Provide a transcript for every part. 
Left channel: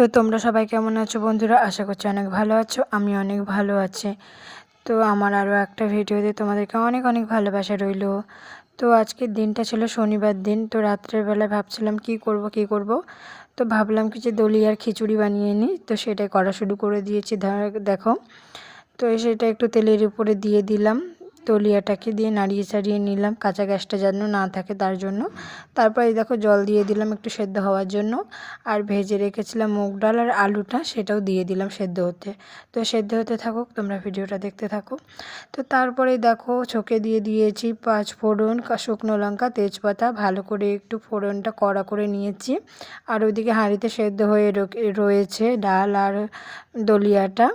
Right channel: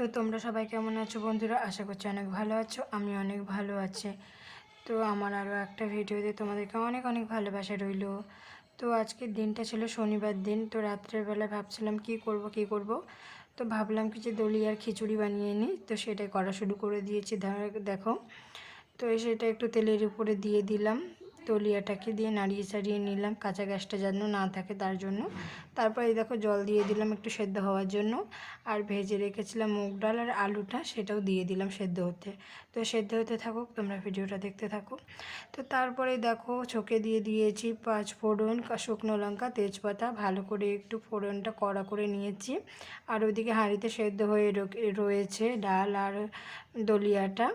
তো তোমরা সবাই কেমন আছো বন্ধুরা? আশা করছি অনেক ভালো আছো। আমি অনেক ভালো আছি। তো আমার আরও একটা ভিডিওতে তোমাদেরকে অনেক অনেক ভালোবাসা রইলো। তো আজকের দিনটা ছিল শনিবার দিন। তো রাত্রের বেলায় ভাবছিলাম কি করব। তো ভাবলাম কি যে দলি আর খিচুড়ি বানিয়ে নিই। তো সেটাই করা শুরু করে দিয়েছি। দেখো, তো সেটা একটু তেলের উপরে দিয়ে দিলাম, তলিয়াটাকে দিয়ে নাড়িয়ে চাড়িয়ে নিলাম, কাঁচা গ্যাসটা যেন না থাকে তার জন্য। তারপর এই দেখো জল দিয়ে দিলাম একটু সেদ্ধ হওয়ার জন্য। আর ভেজে রেখেছিলাম মুগ ডাল আর আলুটা, সেটাও দিয়ে দিলাম সেদ্ধ হতে। তো সেদ্ধ হতে থাকুক, তোমরা ভিডিওটা দেখতে থাকো। তো তারপরে দেখো ছোকে দিয়ে দিয়েছি 5 ফোড়ন, শুকনো লঙ্কা, তেজপাতা, ভালো করে একটু ফোড়নটা কড়া করে নিয়েছি। আর ওইদিকে হাঁড়িতে সেদ্ধ হয়ে রয়েছে ডাল আর দলিয়াটা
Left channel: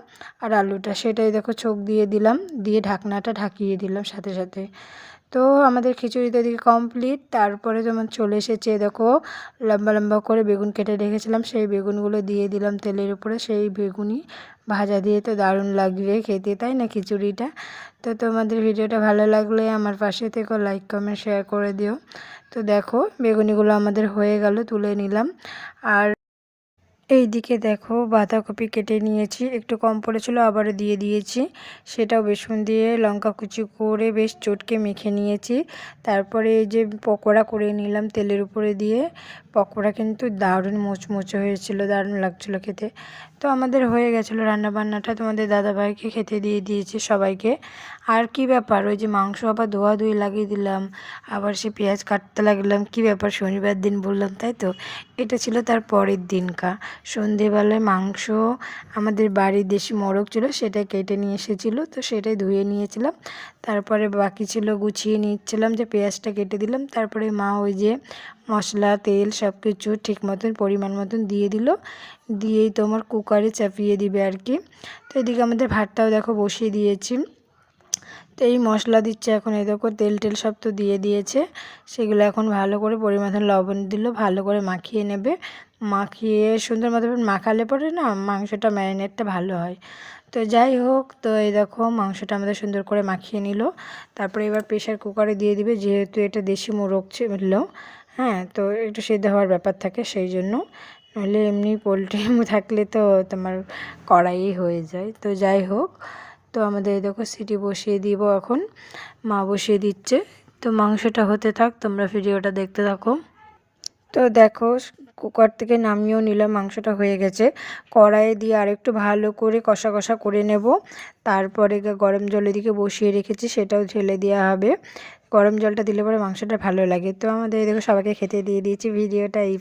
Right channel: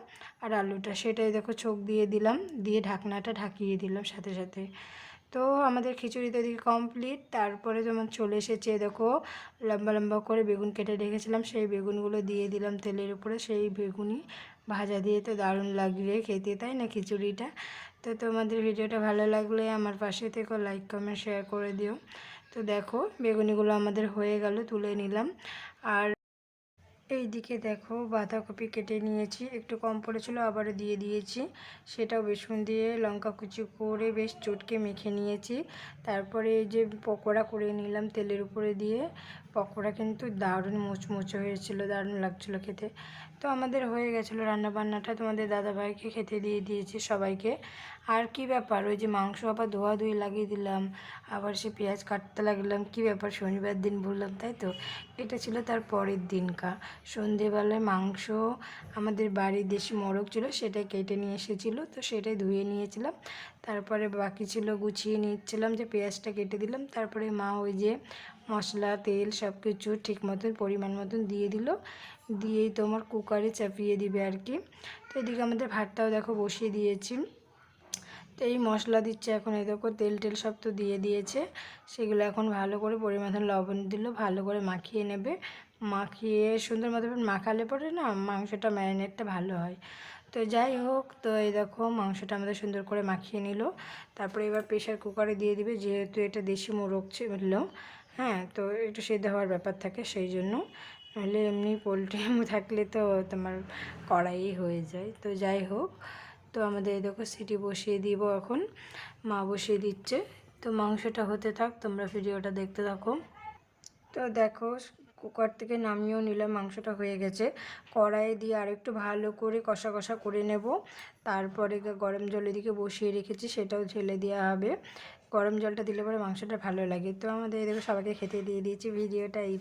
আর আলুটা, সেটাই দেখো ছোক দিয়ে দিলাম, দিয়ে ঢাকনাটা ঢাকিয়ে দিলাম সাথে সাথে। তো আমাদের খিচুড়ি তো এদিকে কমপ্লিট। তারপরে যেমন চলে এসেছে দেখো, লম্বা লম্বা করে বেগুন কেটে রেখেছিলাম, সেই বেগুনগুলো দিয়ে দিলাম তেলের উপরে। সেই বেগুনি ভাজা দিয়ে তো দারুণ লাগবে খেতে, তাই না খিচুড়িটা? তো তোমাদের ভিডিওটা ভালো লাগলে আমার পাশে থেকে লাইক কমেন্ট শেয়ার করে দিও। তো দেখো বেগুনিগুলো আমাদের হয়ে গেল, তুলে নিলাম। আর এইদিকে দেখো বাঁধাকপি কেটে নিয়েছি, একটু কম পড়েছিল আবারও দিয়ে দিয়েছি। সেটাও বেসন দিয়ে লঙ্কা কুচি করে বেশ চটকে মেখে নিয়েছি। তারপরে এই যে পকোড়া করে নিলাম তেলের উপরে দিয়ে। পকোড়া কিন্তু দারুণ মুচমুচে হয়েছিল, দারুণ লাগছিলো খেতে। তো আমাদের হয়ে গেছিলো রান্নাবান্নাটা, তোমাদের দাদাভাইকে খেতে দিয়ে দিয়েছি সবাইকে। আর কি ব্যাপার, ওই যে মাংস আবার ধোয়াধুয়ি লাগিয়ে দিলাম, আবার সে পেঁয়াজ কাটতে লাগলাম, কি ব্যাপার শনিবার দিন বললাম, তাই তো? এটা ছিল তার পরের দিনকার সন্ধেবেলায় মাংস, আমাদের বাড়ির দেশি মোরগ ছিল, সেটা কেটে নিয়ে এসেছিলো, তো সেটাই ধুয়ে নিয়েছিলাম। তারপরে বাকি ছিল গুছিয়ে নিচ্ছিলাম, যে পেঁয়াজটা কেটে দিলাম। তারপরে মা ওই যে মশলা তেল সব কিছু ঠিক মতন পরিমাণ মতন দিয়ে দিল, দিয়েই তোমার কুকারে চাপিয়ে দিবে আর কি। তো এদিকে আমাদের ভাতটাও দেখো বসিয়ে দিয়েছি। তো এই মশলা দিচ্ছে এখন, এই দেখো তেল টেল সব তো দিয়ে দিয়েছে, সেগুলো এখন ভালো করে পরিমাণ লবণ দিল, ভালো করে মাখিয়ে নেবে। মাখিয়ে সুন্দর মতো মাখালে পরে না মাংসটা ম্যারিনেটটা ভালো হয়। তো যাই হোক, তো এই দেখো মাংসটা আমাদের সুন্দর করে মাখিয়ে নিল। তারপরে এবার প্রেশার কুকারে দিয়ে দিবে, যেহেতু এটা দেশি মোরগ ছিল, হ্যাঁ, তো একটু সেদ্ধ হওয়ার ব্যাপার থাকে সেই জন্য। নাহলে এমনি পোলট্রি থাকলে তো তোমার কড়াই হয়ে যায়। তো যাই হোক, তো আমাদের দেখো সিটি বসিয়ে দিব এখন, মা বসিয়ে দিচ্ছে। তো মাংসটা হতে থাক, তোমরা ভিডিওটা দেখতে থাকো। তো দেখো কুকার থেকে নামিয়েও নিলাম, মাংসটা হয়ে গেছে। কড়াইয়ে দিয়ে আরেকটু ভালো করে কষা কষা করে নেব। তারপরে গরম জল এদিকে বসিয়ে রেখেছি, সেটাও ঢেলে দেওয়া হবে। গরম জলটা দিলে পরে মাংসটা ভালো লাগে। তো আমাদের দেখো সবাইকে খেতে দিয়ে দিয়েছি। ভিডিওটা এই